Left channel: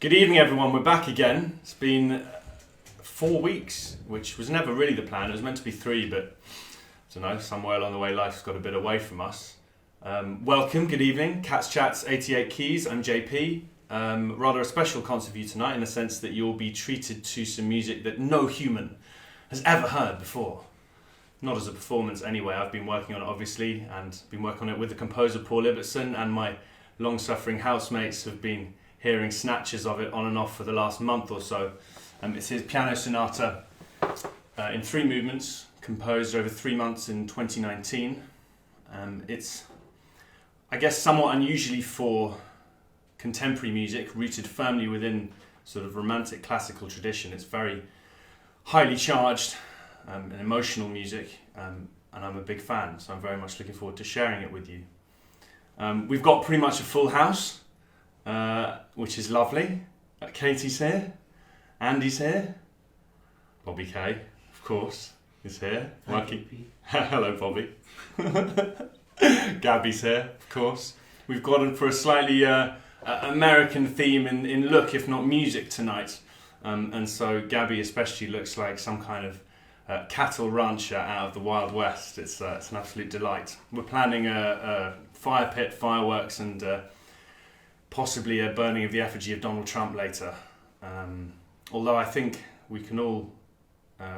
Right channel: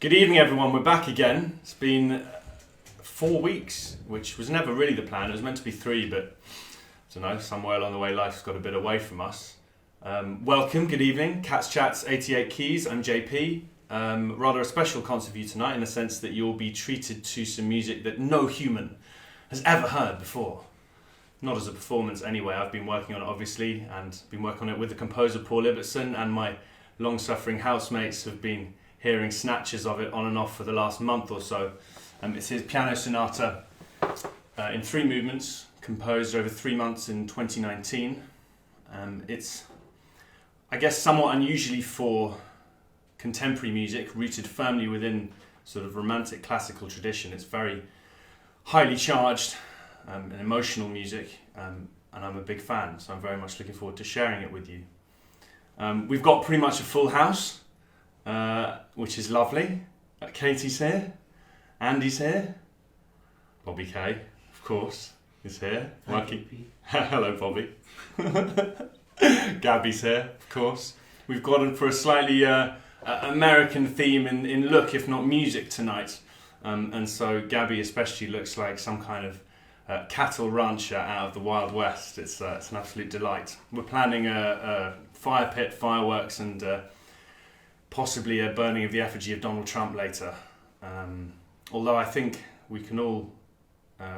Good evening, everyone. We're back again. It's been 4 weeks, which was never really the plan. It was meant to be 3, but I don't know, somewhere along the way life's got a bit away from us. Welcome, good evening. Cat's Chats 88 Keys, I'm JP. Rather a special concert for you tonight in the sense that you'll be treated to some music that no human has ever heard before. Not as a performance anyway. I've been working on it obviously, and been working on it with the composer Paul Ibbotson, and my long-suffering housemates have been hearing snatches of it on and off for the last month or so. It's his piano sonata in 3 movements, composed over 3 months in 2019. It's, I guess, somewhat unusually for contemporary music, rooted firmly within sort of romantic classical tradition. It's very highly charged and emotional music, and I'm a big fan, so I'm very much looking forward to sharing it with you. We've got pretty much a full house, which is lovely. Katie's here, Andy's here, Bobby K, of course, is here. Working. Hello, Bobby. Gabby's here, of course. We've gone for a slightly American theme in look, if not music, tonight. And so Gabby especially looks like some kind of cattle rancher out of the Wild West. It's an absolute delight. We're planning a fire pit, fireworks, and possibly a burning of the effigy of Donald Trump later. Although I think we can all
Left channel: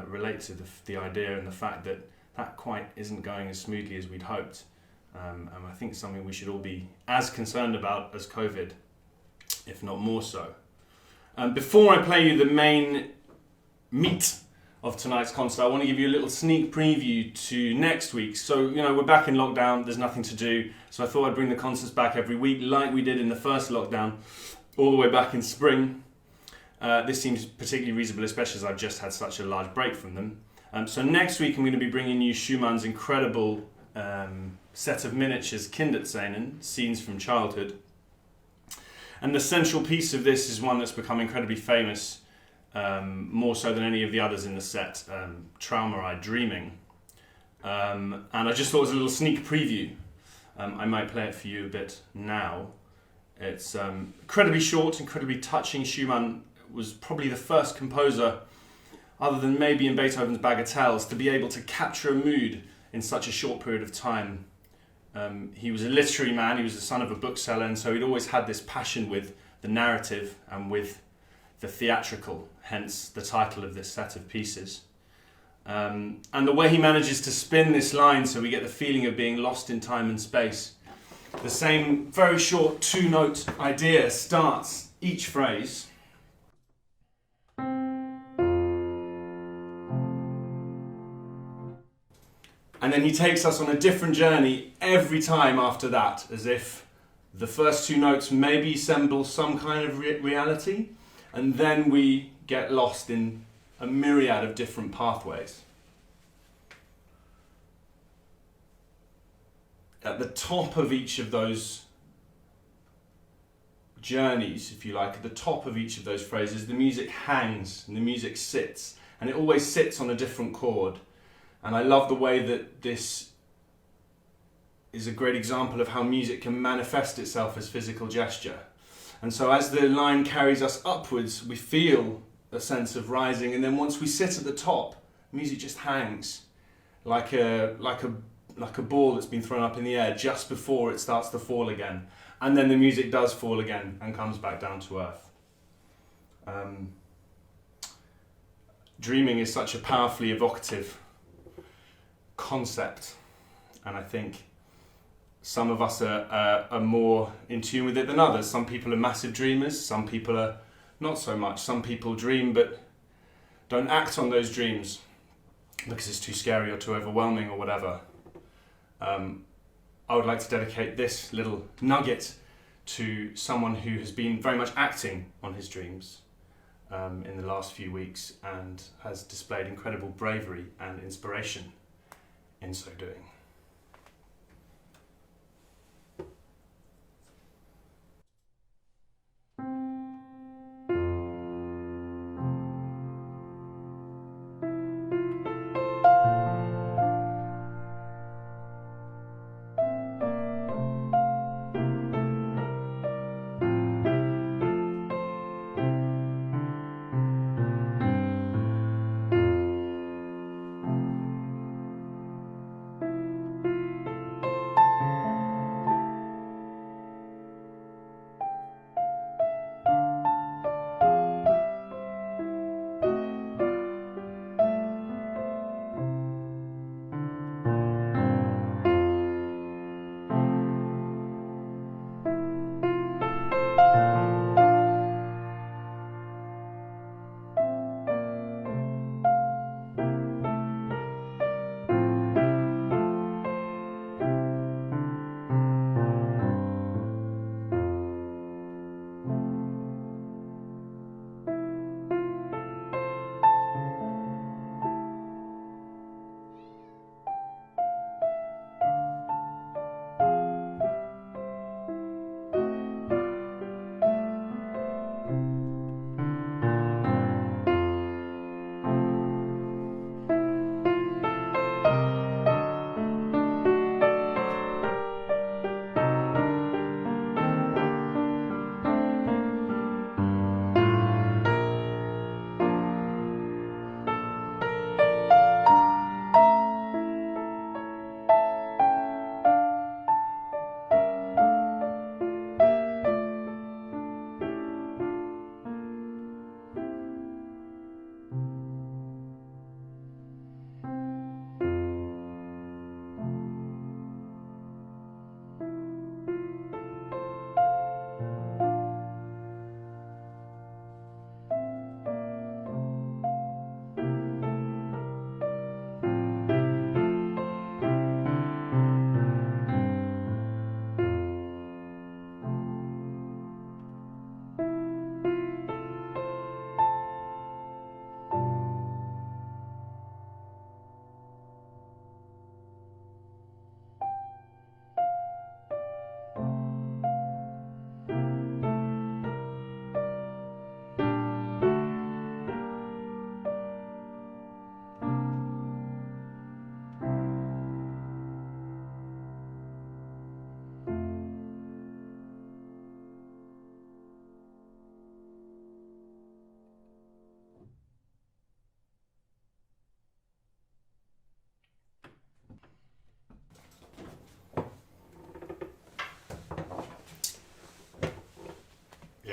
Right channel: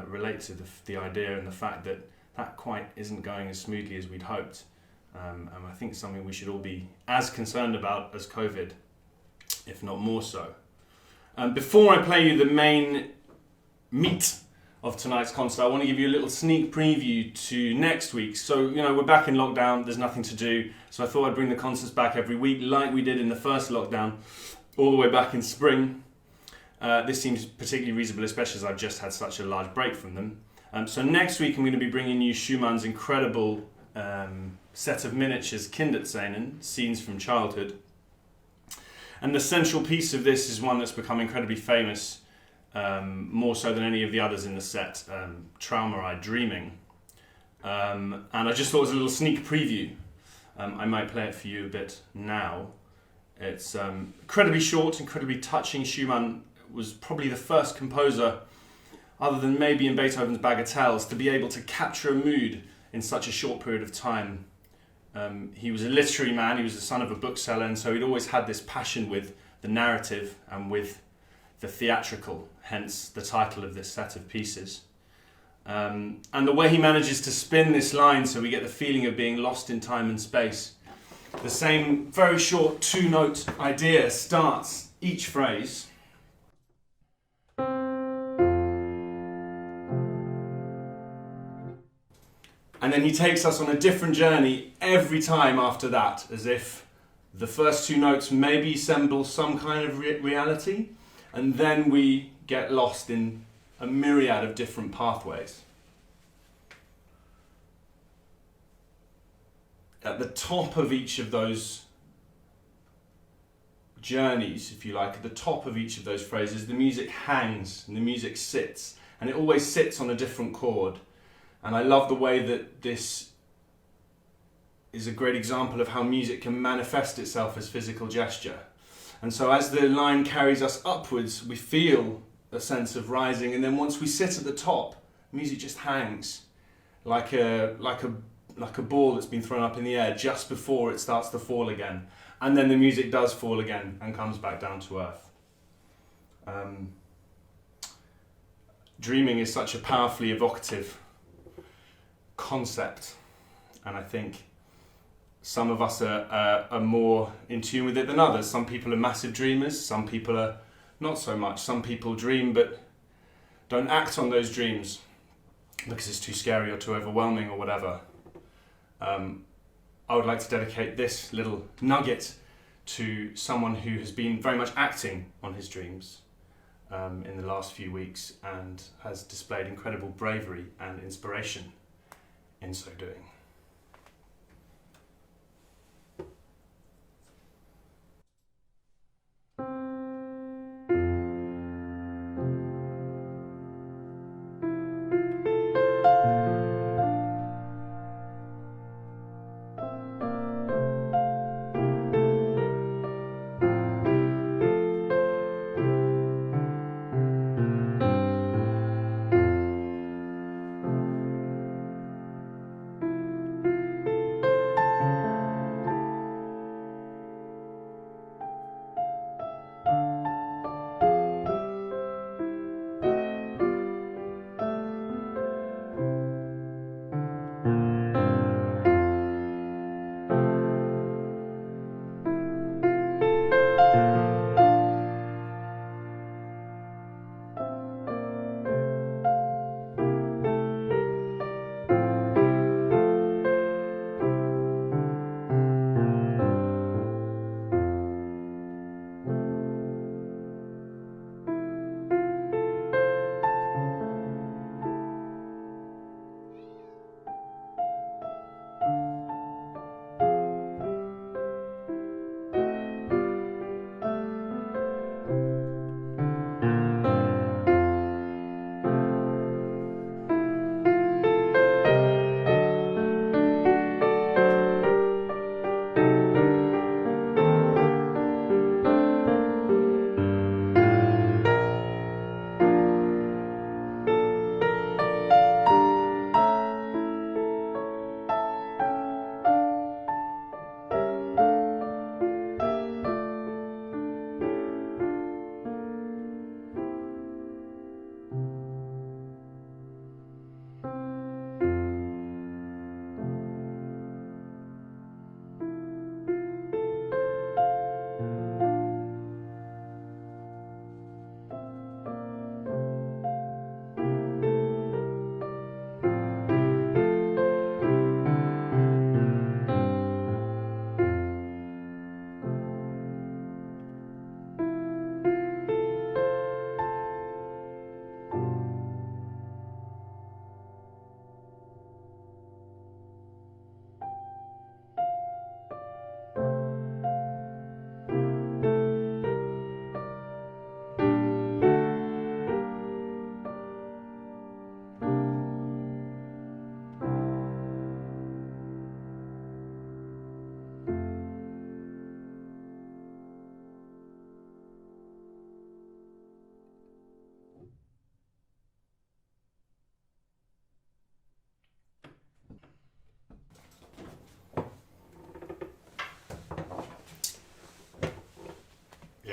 relate to the idea and the fact that that quite isn't going as smoothly as we'd hoped. And I think it's something we should all be as concerned about as COVID, if not more so. Before I play you the main meat of tonight's concert, I want to give you a little sneak preview to next week. So, we're back in lockdown, there's nothing to do, so I thought I'd bring the concerts back every week like we did in the first lockdown, all the way back in spring. This seems particularly reasonable, especially as I've just had such a large break from them. So next week I'm going to be bringing you Schumann's incredible set of miniatures, Kinderszenen, Scenes from Childhood. And the central piece of this is one that's become incredibly famous, more so than any of the others in the set, Trauma-Eyed Dreaming. And I just thought it was a little sneak preview. I might play it for you a bit now. It's incredibly short, incredibly touching. Schumann was probably the first composer, other than maybe in Beethoven's Bagatelles, to be able to capture a mood in such a short period of time. He was a literary man, he was the son of a bookseller, and so he'd always had this passion with the narrative and with the theatrical, hence the title of this set of pieces. And the way he manages to spin this line so we get the feeling of being lost in time and space. The same very short 2-note idea starts each phrase. And then he takes us on a different journey every time after that, as if the first 2 notes maybe resemble some kind of reality, and then we get lost in a myriad of different pathways. At the top of each of those journeys, if you like, at the top of each of those phrases, the music hangs and the music sits, and it always sits on a different chord. And I love the way that this is a great example of how music can manifest itself as physical gesture. And so as the line carries us upwards, we feel a sense of rising, and then once we sit at the top, music just hangs like a ball that's been thrown up in the air just before it starts to fall again. And then the music does fall again and comes back down to earth. Dreaming is such a powerfully evocative concept, and I think some of us are more in tune with it than others. Some people are massive dreamers, some people are not so much. Some people dream but don't act on those dreams because it's too scary or too overwhelming or whatever. I would like to dedicate this little nugget to someone who has been very much acting on his dreams in the last few weeks and has displayed incredible bravery and inspiration in so doing.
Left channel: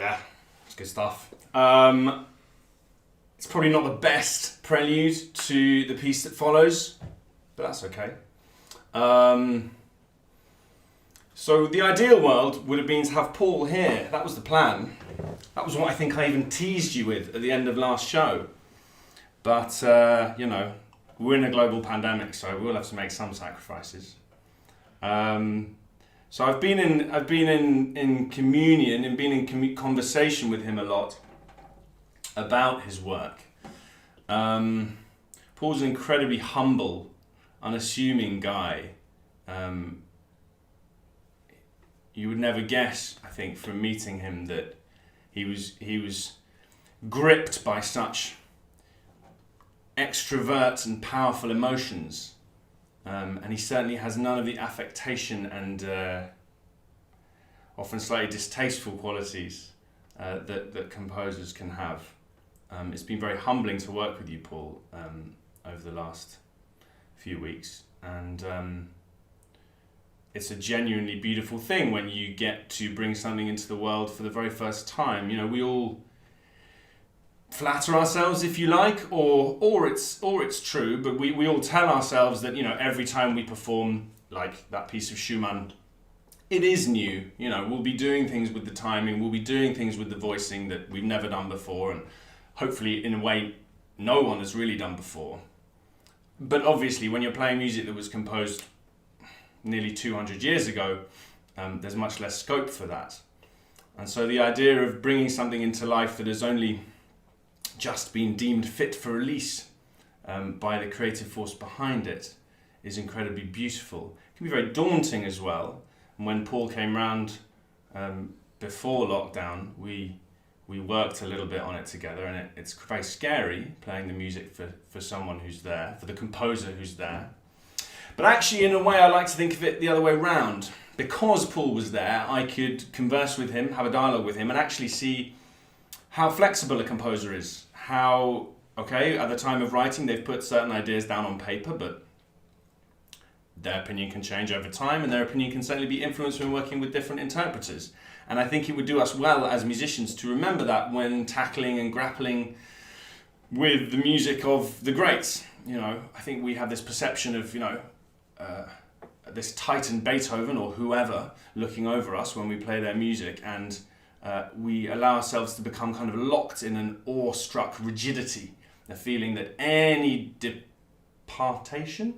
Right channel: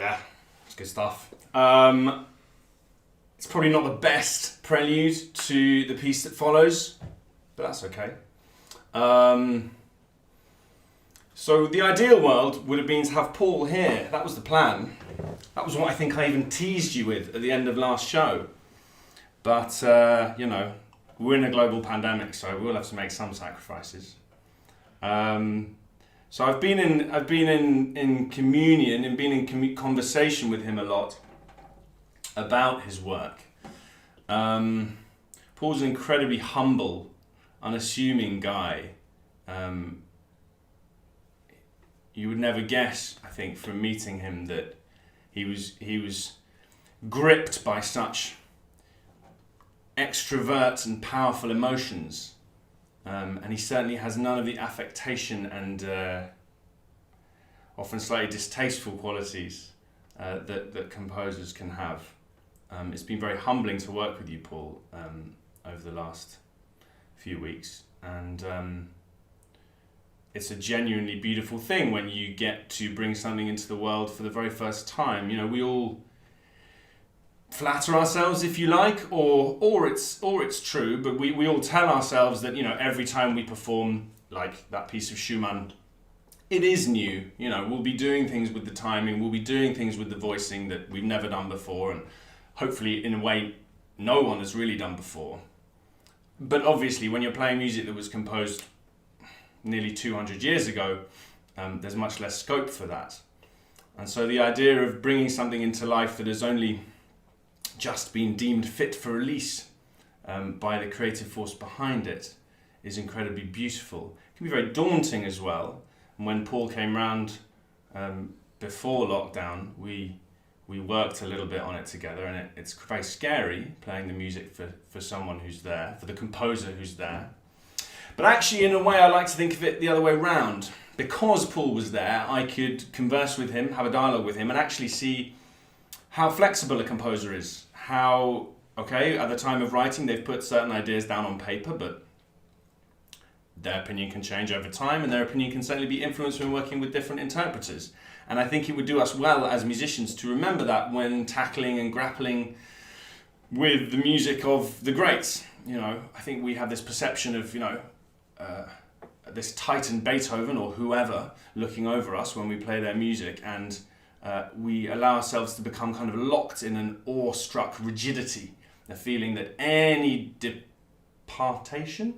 Yeah, it's good stuff. It's probably not the best prelude to the piece that follows, but that's okay. So the ideal world would have been to have Paul here. That was the plan. That was what I think I even teased you with at the end of last show. But, you know, we're in a global pandemic, so we'll have to make some sacrifices. So I've been in communion and been in conversation with him a lot about his work. Paul's an incredibly humble, unassuming guy. You would never guess, I think, from meeting him that he was gripped by such extrovert and powerful emotions. And he certainly has none of the affectation and often slightly distasteful qualities that composers can have. It's been very humbling to work with you, Paul, over the last few weeks. And it's a genuinely beautiful thing when you get to bring something into the world for the very first time. You know, we all flatter ourselves, if you like, or it's true, but we all tell ourselves that, you know, every time we perform, like that piece of Schumann, it is new. You know, we'll be doing things with the timing, we'll be doing things with the voicing that we've never done before, and hopefully in a way no one has really done before. But obviously when you're playing music that was composed nearly 200 years ago, there's much less scope for that. And so the idea of bringing something into life that has only just been deemed fit for release by the creative force behind it is incredibly beautiful. It can be very daunting as well. And when Paul came round before lockdown, we worked a little bit on it together, and it's very scary playing the music for someone who's there, for the composer who's there. But actually, in a way, I like to think of it the other way round. Because Paul was there, I could converse with him, have a dialogue with him, and actually see how flexible a composer is. How, okay, at the time of writing, they've put certain ideas down on paper, but their opinion can change over time, and their opinion can certainly be influenced when working with different interpreters. And I think it would do us well as musicians to remember that when tackling and grappling with the music of the greats. You know, I think we have this perception of, you know, this Titan Beethoven or whoever looking over us when we play their music, and we allow ourselves to become kind of locked in an awestruck rigidity, a feeling that any departing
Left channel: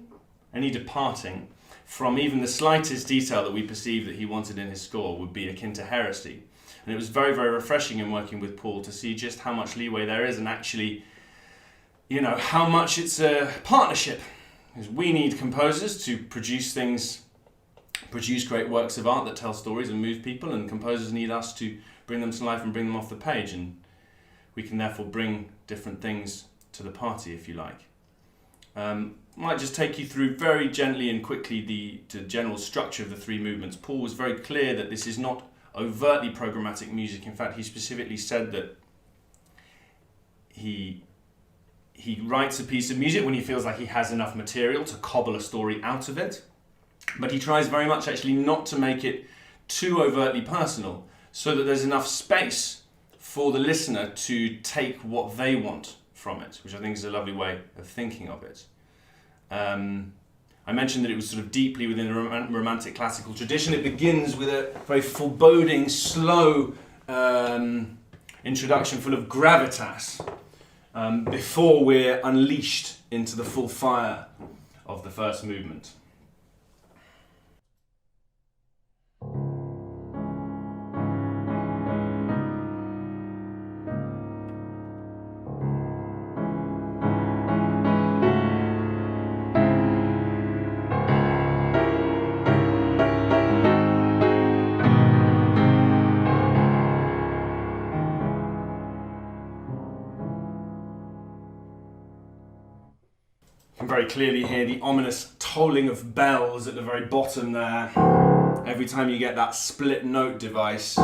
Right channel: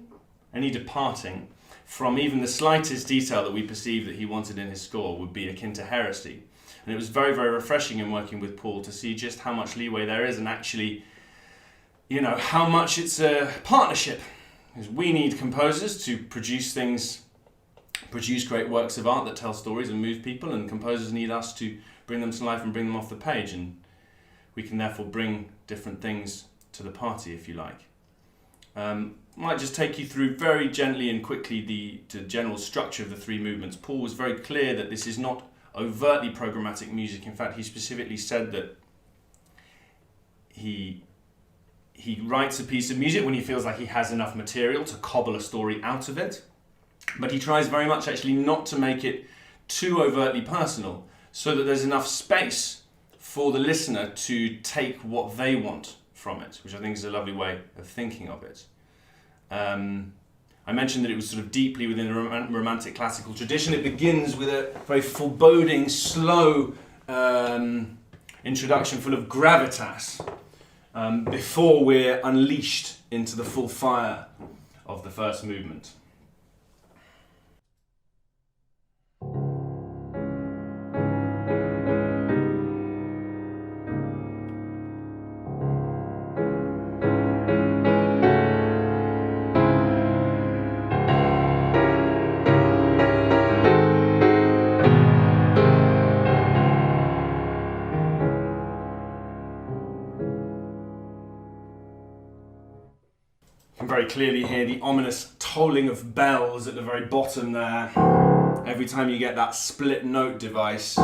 from even the slightest detail that we perceive that he wanted in his score would be akin to heresy. And it was very, very refreshing in working with Paul to see just how much leeway there is, and actually, you know, how much it's a partnership. Because we need composers to produce great works of art that tell stories and move people, and composers need us to bring them to life and bring them off the page, and we can therefore bring different things to the party, if you like. Might just take you through very gently and quickly the general structure of the three movements. Paul was very clear that this is not overtly programmatic music. In fact, he specifically said that he writes a piece of music when he feels like he has enough material to cobble a story out of it, but he tries very much actually not to make it too overtly personal, so that there's enough space for the listener to take what they want from it, which I think is a lovely way of thinking of it. I mentioned that it was sort of deeply within a romantic classical tradition. It begins with a very foreboding, slow introduction full of gravitas, before we're unleashed into the full fire of the first movement. Very clearly hear the ominous tolling of bells at the very bottom there. Every time you get that split note device,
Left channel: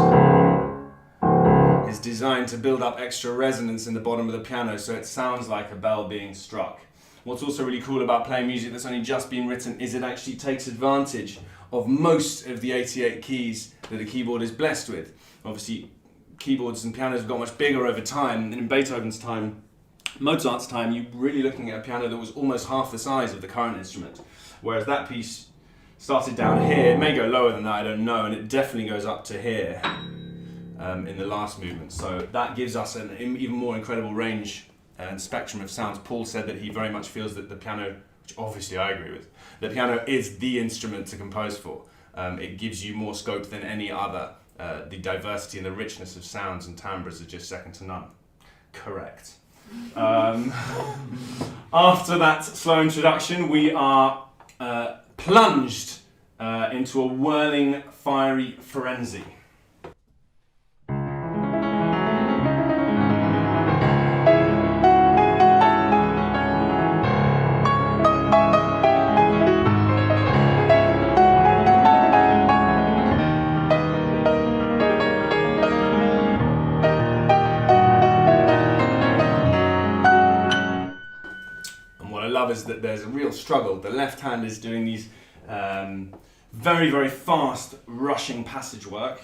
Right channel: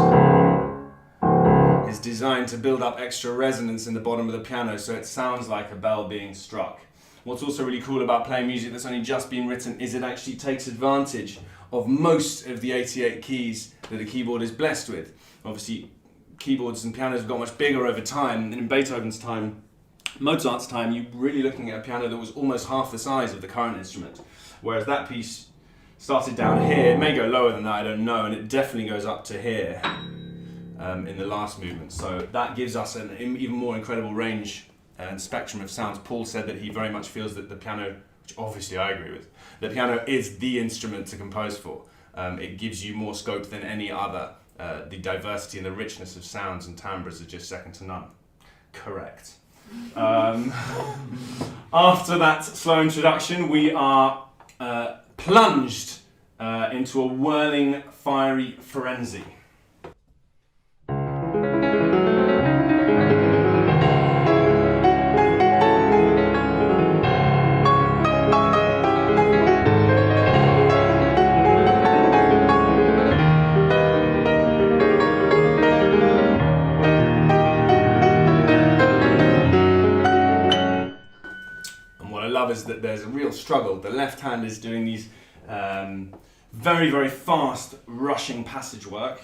it's designed to build up extra resonance in the bottom of the piano, so it sounds like a bell being struck. What's also really cool about playing music that's only just been written is it actually takes advantage of most of the 88 keys that a keyboard is blessed with. Obviously, keyboards and pianos have got much bigger over time. And in Beethoven's time, Mozart's time, you're really looking at a piano that was almost half the size of the current instrument. Whereas that piece started down here, it may go lower than that, I don't know, and it definitely goes up to here in the last movement. So that gives us an even more incredible range and spectrum of sounds. Paul said that he very much feels that the piano, which obviously I agree with, the piano is the instrument to compose for. It gives you more scope than any other. The diversity and the richness of sounds and timbres are just second to none. Correct. After that slow introduction, we are plunged into a whirling, fiery frenzy. Is that there's a real struggle. The left hand is doing these very, very fast, rushing passage work.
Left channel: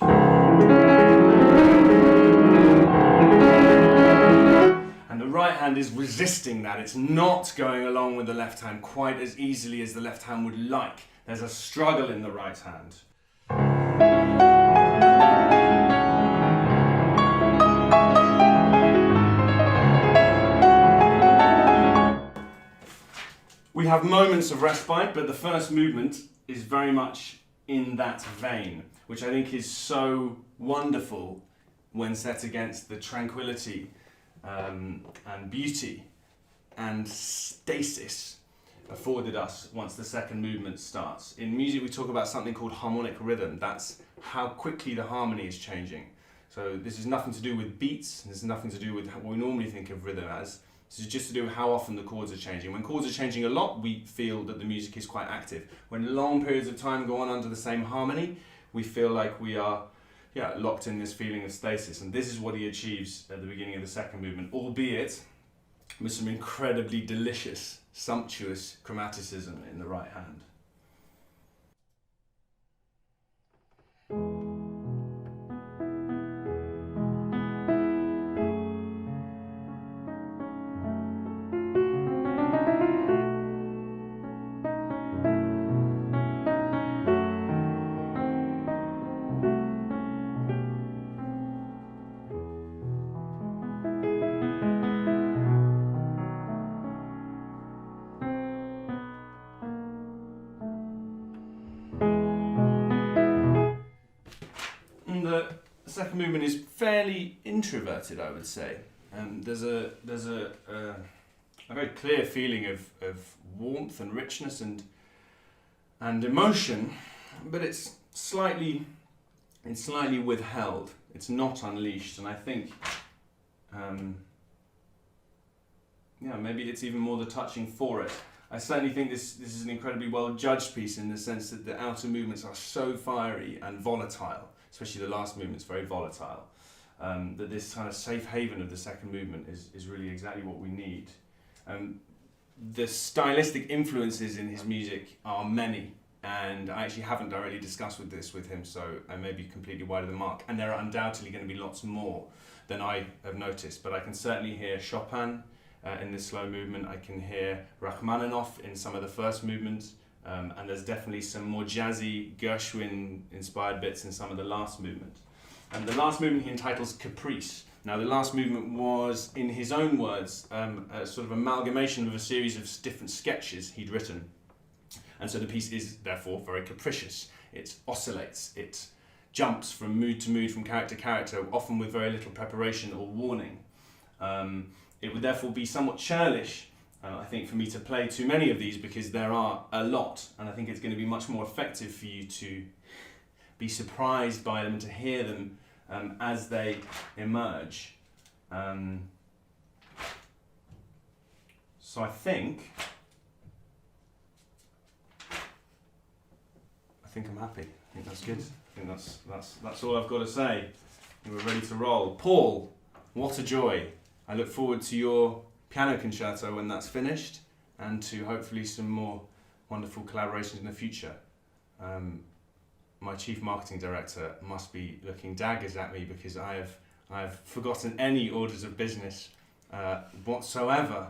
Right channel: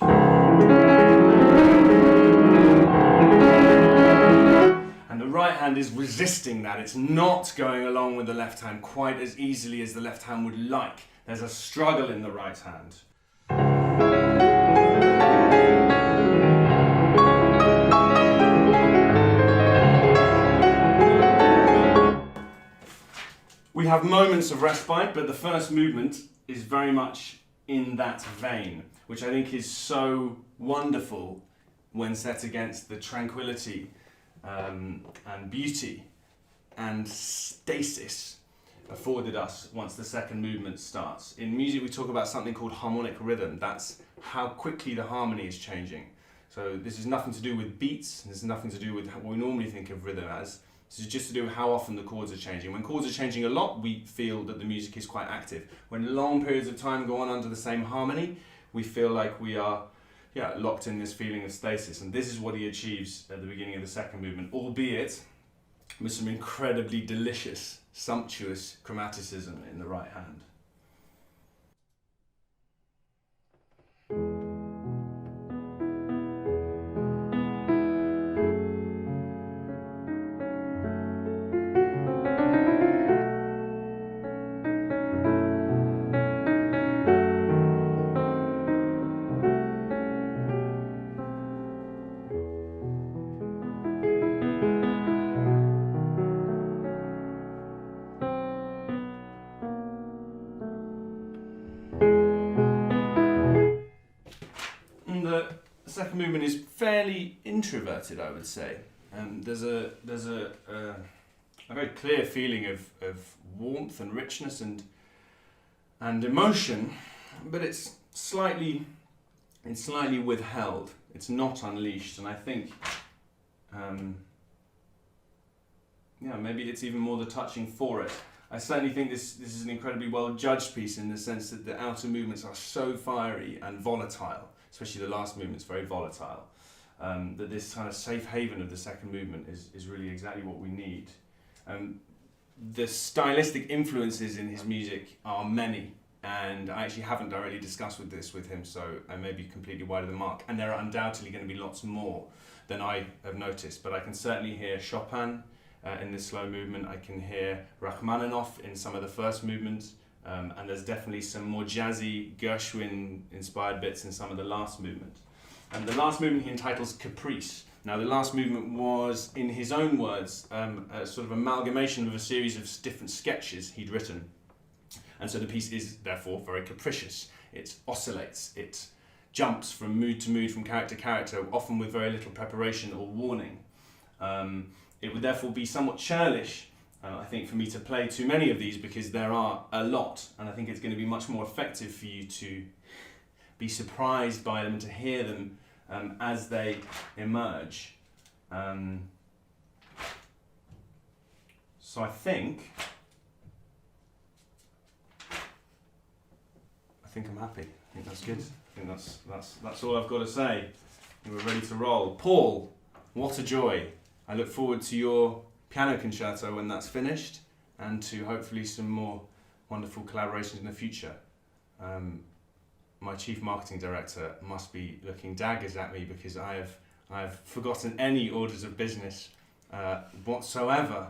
And the right hand is resisting that. It's not going along with the left hand quite as easily as the left hand would like. There's a struggle in the right hand. We have moments of respite, but the first movement is very much in that vein, which I think is so wonderful when set against the tranquility and beauty and stasis afforded us once the second movement starts. In music we talk about something called harmonic rhythm. That's how quickly the harmony is changing. So this is nothing to do with beats, this is nothing to do with what we normally think of rhythm as. This is just to do with how often the chords are changing. When chords are changing a lot, we feel that the music is quite active. When long periods of time go on under the same harmony, we feel like we are locked in this feeling of stasis. And this is what he achieves at the beginning of the second movement, albeit with some incredibly delicious, sumptuous chromaticism in the right hand. The second movement is fairly introverted, I would say. There's a very clear feeling of warmth and richness and emotion, but it's slightly withheld. It's not unleashed, and I think maybe it's even more the touching for it. I certainly think this is an incredibly well judged piece in the sense that the outer movements are so fiery and volatile. Especially the last movement's very volatile, that this kind of safe haven of the second movement is really exactly what we need. The stylistic influences in his music are many, and I actually haven't directly discussed this with him, so I may be completely wide of the mark, and there are undoubtedly going to be lots more than I have noticed, but I can certainly hear Chopin in this slow movement, I can hear Rachmaninoff in some of the first movements, and there's definitely some more jazzy Gershwin-inspired bits in some of the last movement. And the last movement he entitles Caprice. Now the last movement was, in his own words, a sort of amalgamation of a series of different sketches he'd written. And so the piece is therefore very capricious. It oscillates, it jumps from mood to mood, from character to character, often with very little preparation or warning. It would therefore be somewhat churlish, I think, for me to play too many of these because there are a lot, and I think it's going to be much more effective for you to be surprised by them, to hear them as they emerge. So I think I'm happy. I think that's good. I think that's all I've got to say. I think we're ready to roll. Paul, what a joy. I look forward to your piano concerto when that's finished, and to hopefully some more wonderful collaborations in the future. My chief marketing director must be looking daggers at me because I I've forgotten any orders of business whatsoever.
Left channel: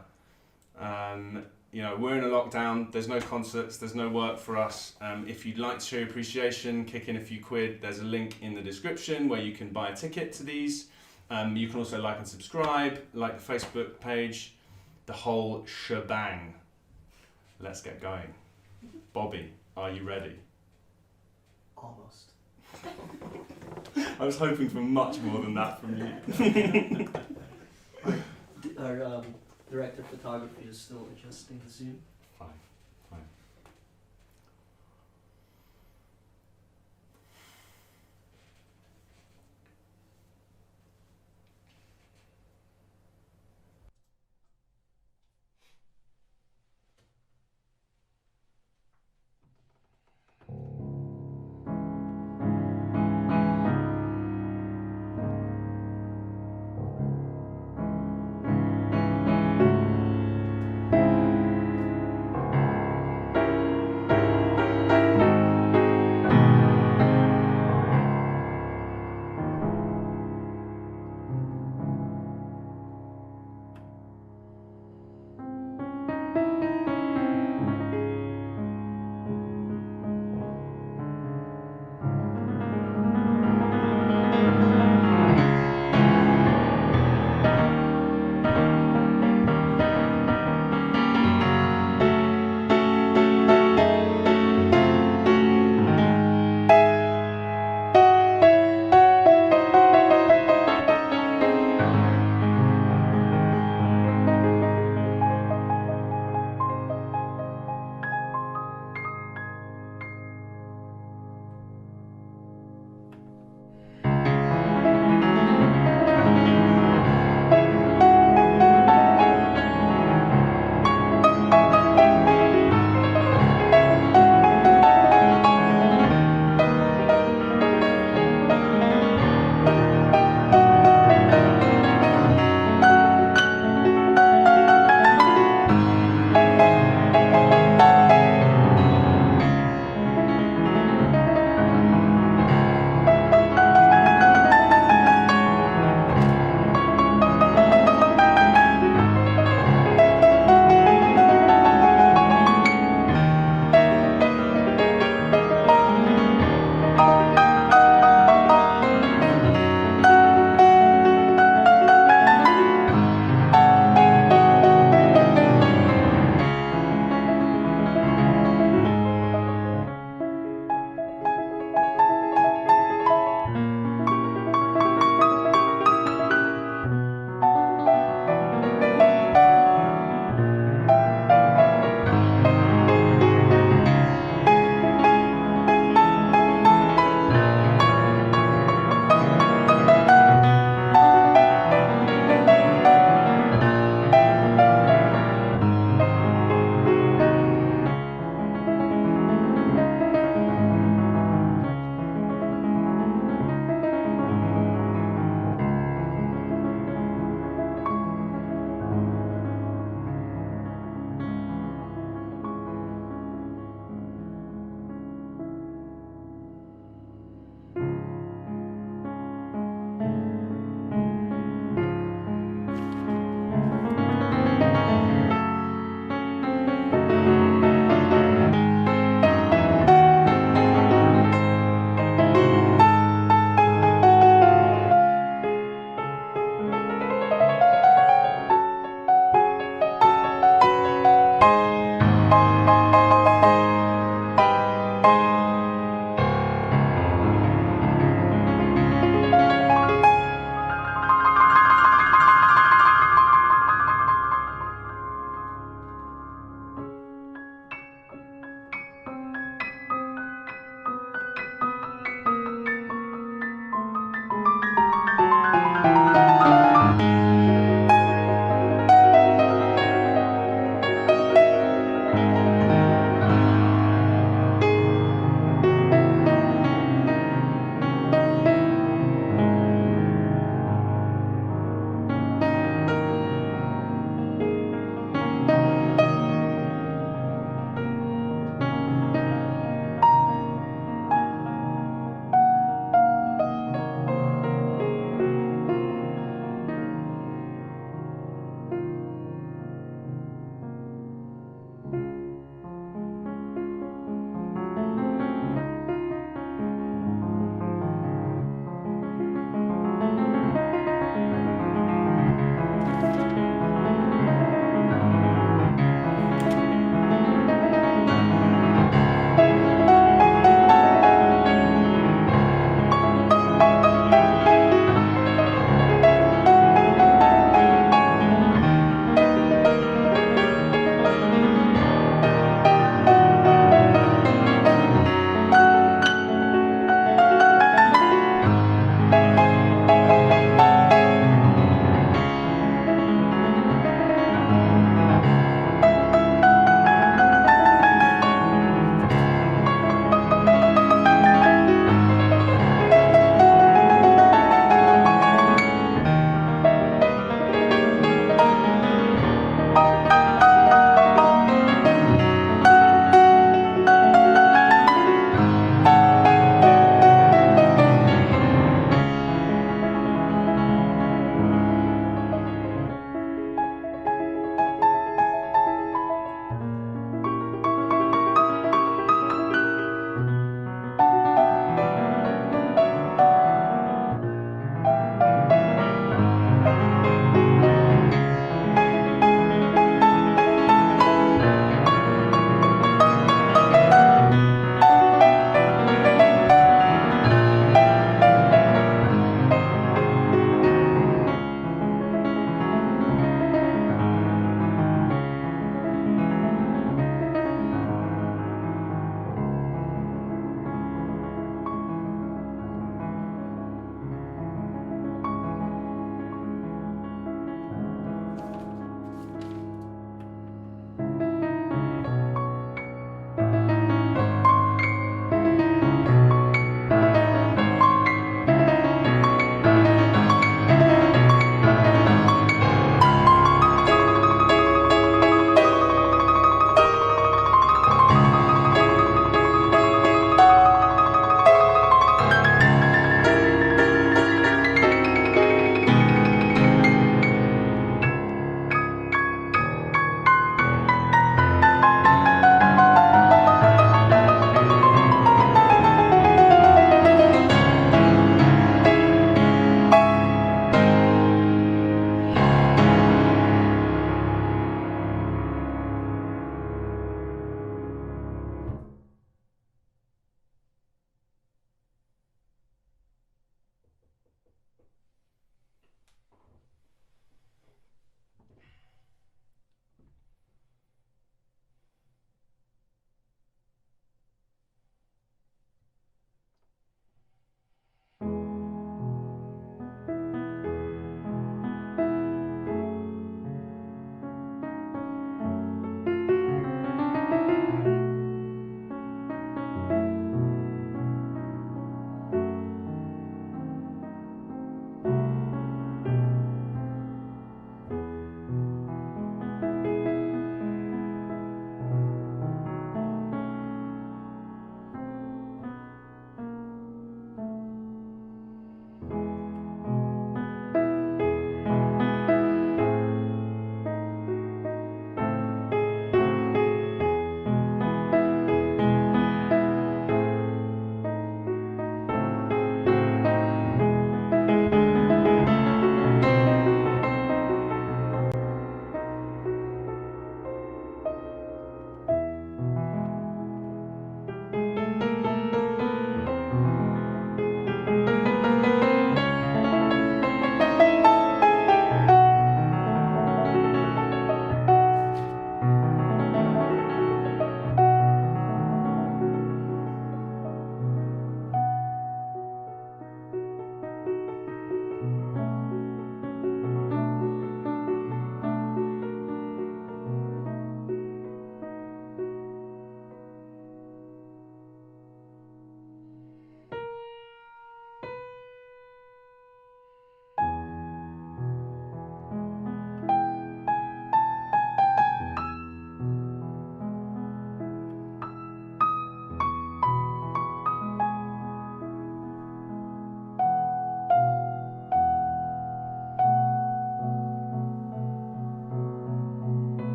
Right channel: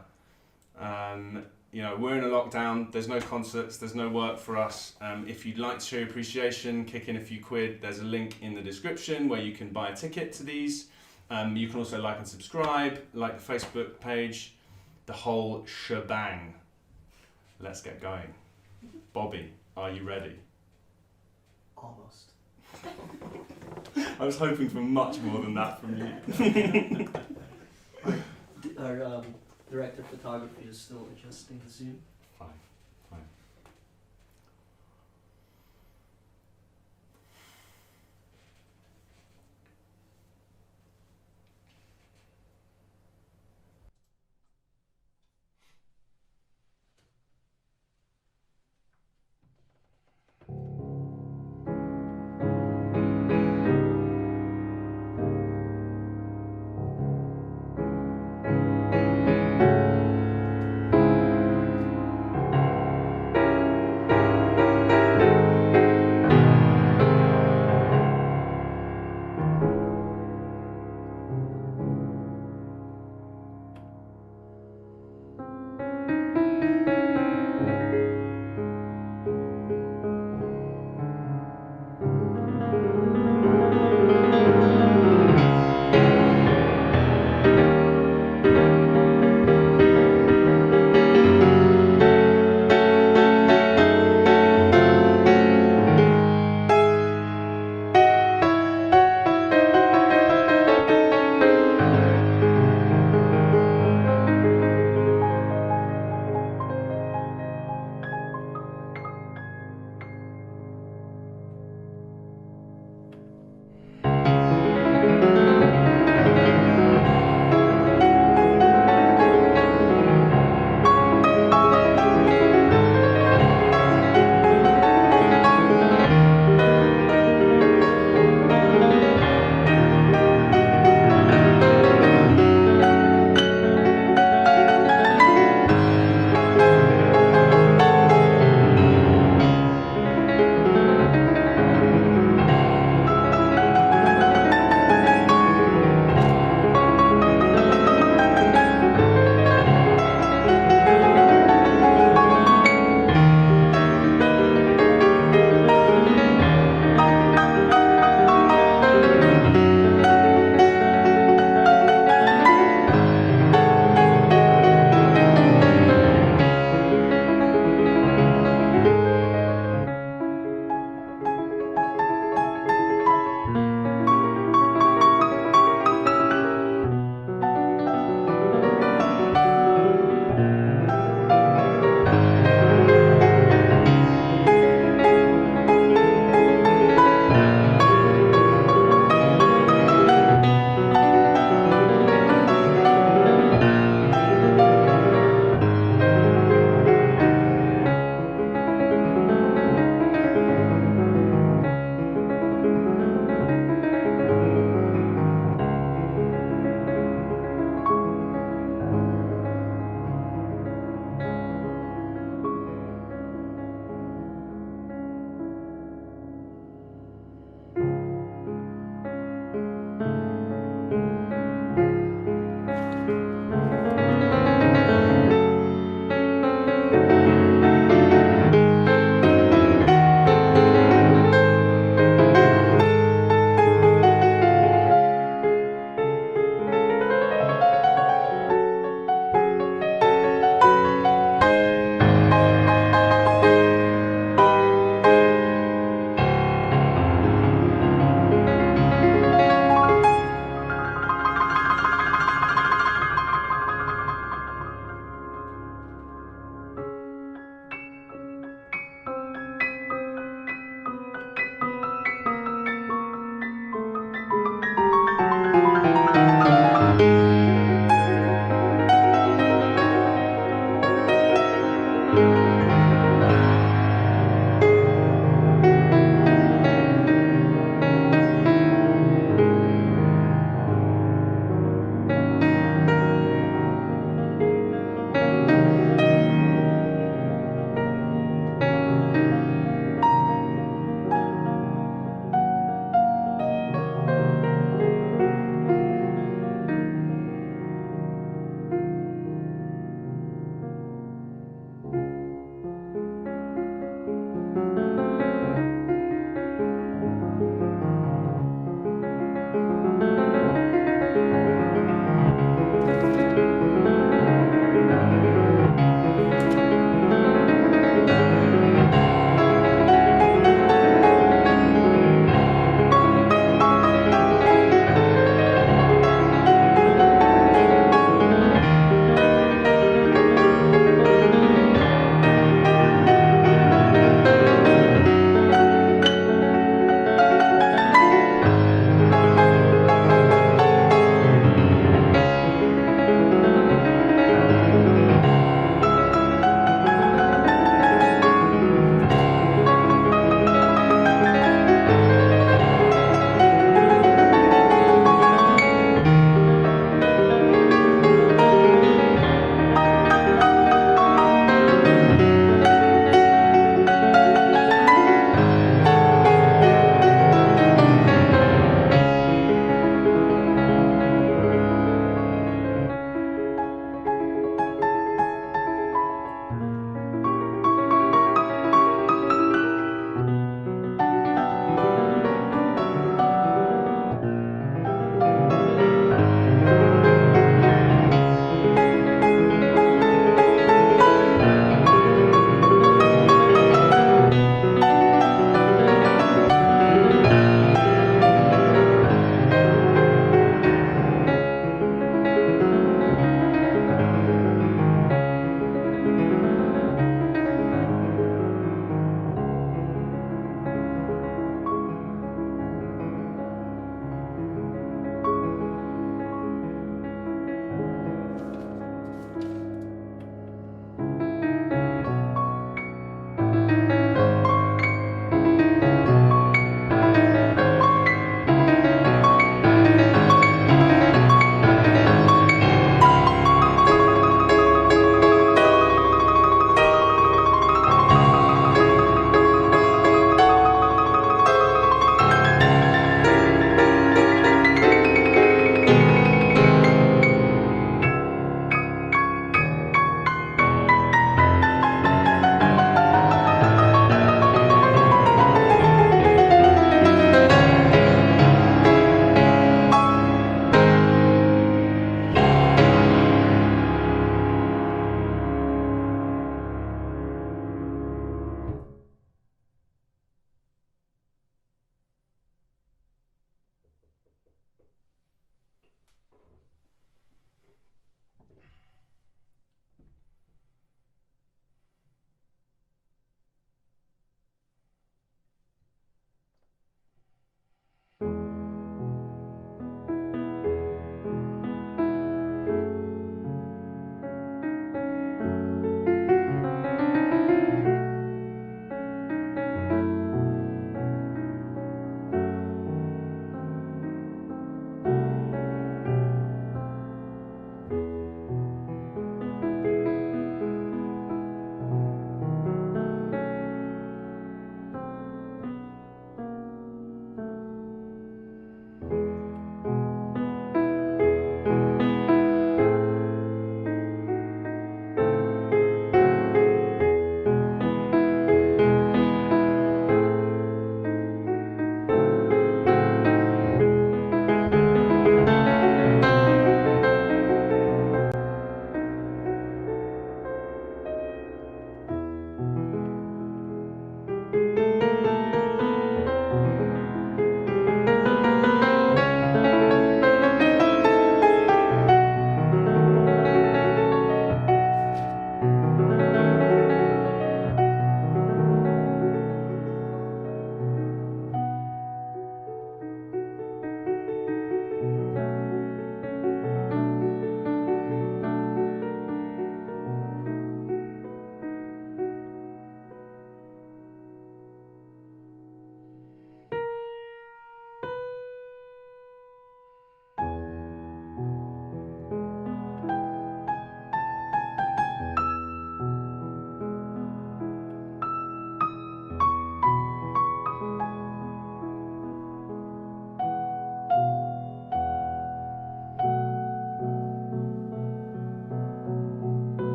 We're in a lockdown, there's no concerts, there's no work for us. If you'd like to show your appreciation, kick in a few quid, there's a link in the description where you can buy a ticket to these. You can also like and subscribe, like the Facebook page, the whole shebang. Let's get going. Bobby, are you ready? Almost. I was hoping for much more than that from you. Our director of photography is still adjusting the Zoom. Fine.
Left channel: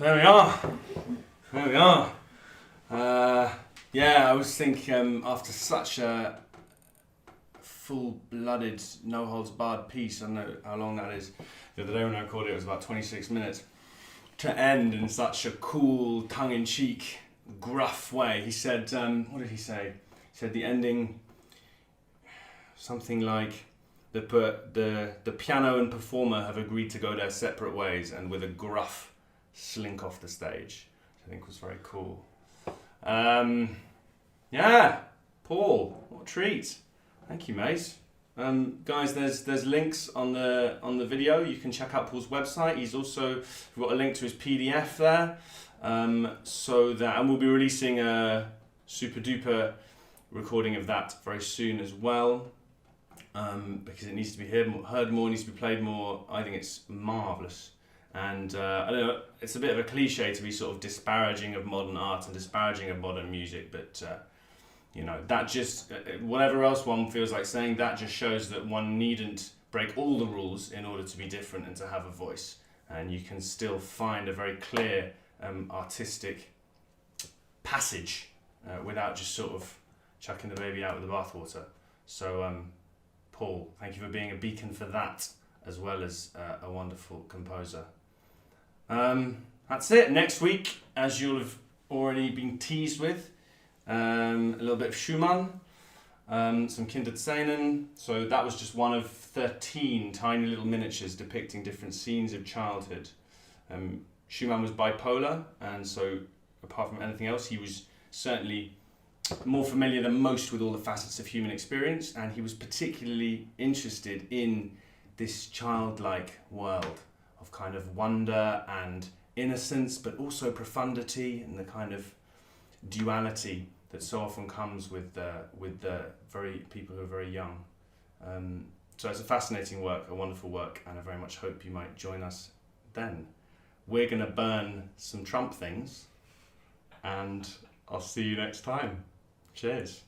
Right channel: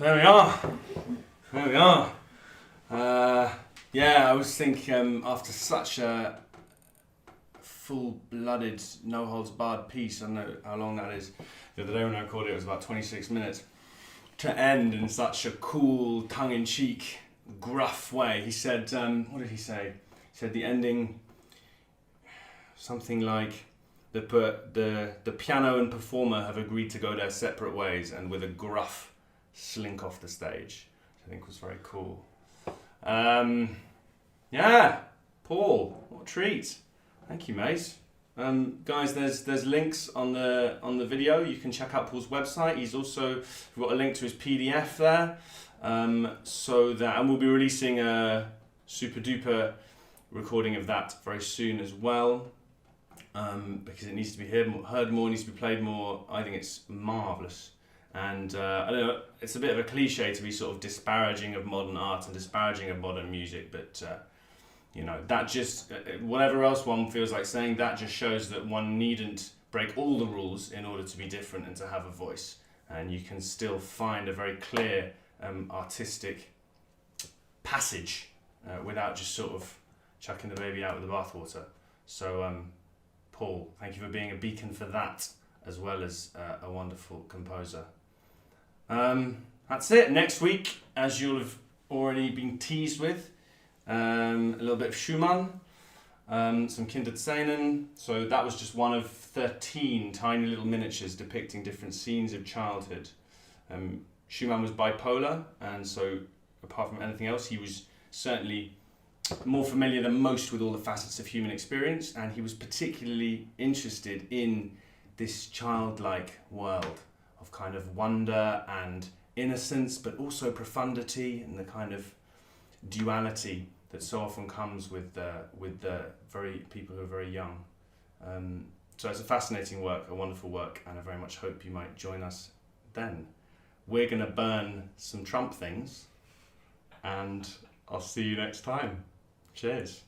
There we are. There we are. Yeah, I was thinking after such a full-blooded, no-holds-barred piece, I don't know how long that is. The other day when I recorded it was about 26 minutes. To end in such a cool, tongue-in-cheek, gruff way. He said, what did he say? He said the ending, something like, the piano and performer have agreed to go their separate ways, and with a gruff slink off the stage, which I think was very cool. Yeah, Paul, what a treat. Thank you, mate. Guys, there's links on the video. You can check out Paul's website. We've got a link to his PDF there. And we'll be releasing a super duper recording of that very soon as well. Because it needs to be heard more, needs to be played more. I think it's marvellous. And I don't know, it's a bit of a cliche to be sort of disparaging of modern art and disparaging of modern music, but that just, whatever else one feels like saying, that just shows that one needn't break all the rules in order to be different and to have a voice. And you can still find a very clear artistic passage without just sort of chucking the baby out with the bathwater. So, Paul, thank you for being a beacon for that, as well as a wonderful composer. That's it. Next week, as you'll have already been teased with, a little bit of Schumann, some Kinderzähnen. So that was just one of 13 tiny little miniatures depicting different scenes of childhood. Schumann was bipolar, and so apart from anything else, he was certainly more familiar than most with all the facets of human experience, and he was particularly interested in this childlike world of kind of wonder and innocence, but also profundity and the kind of duality that so often comes with the very people who are very young. So it's a fascinating work, a wonderful work, and I very much hope you might join us then. We're going to burn some Trump things, and I'll see you next time. Cheers.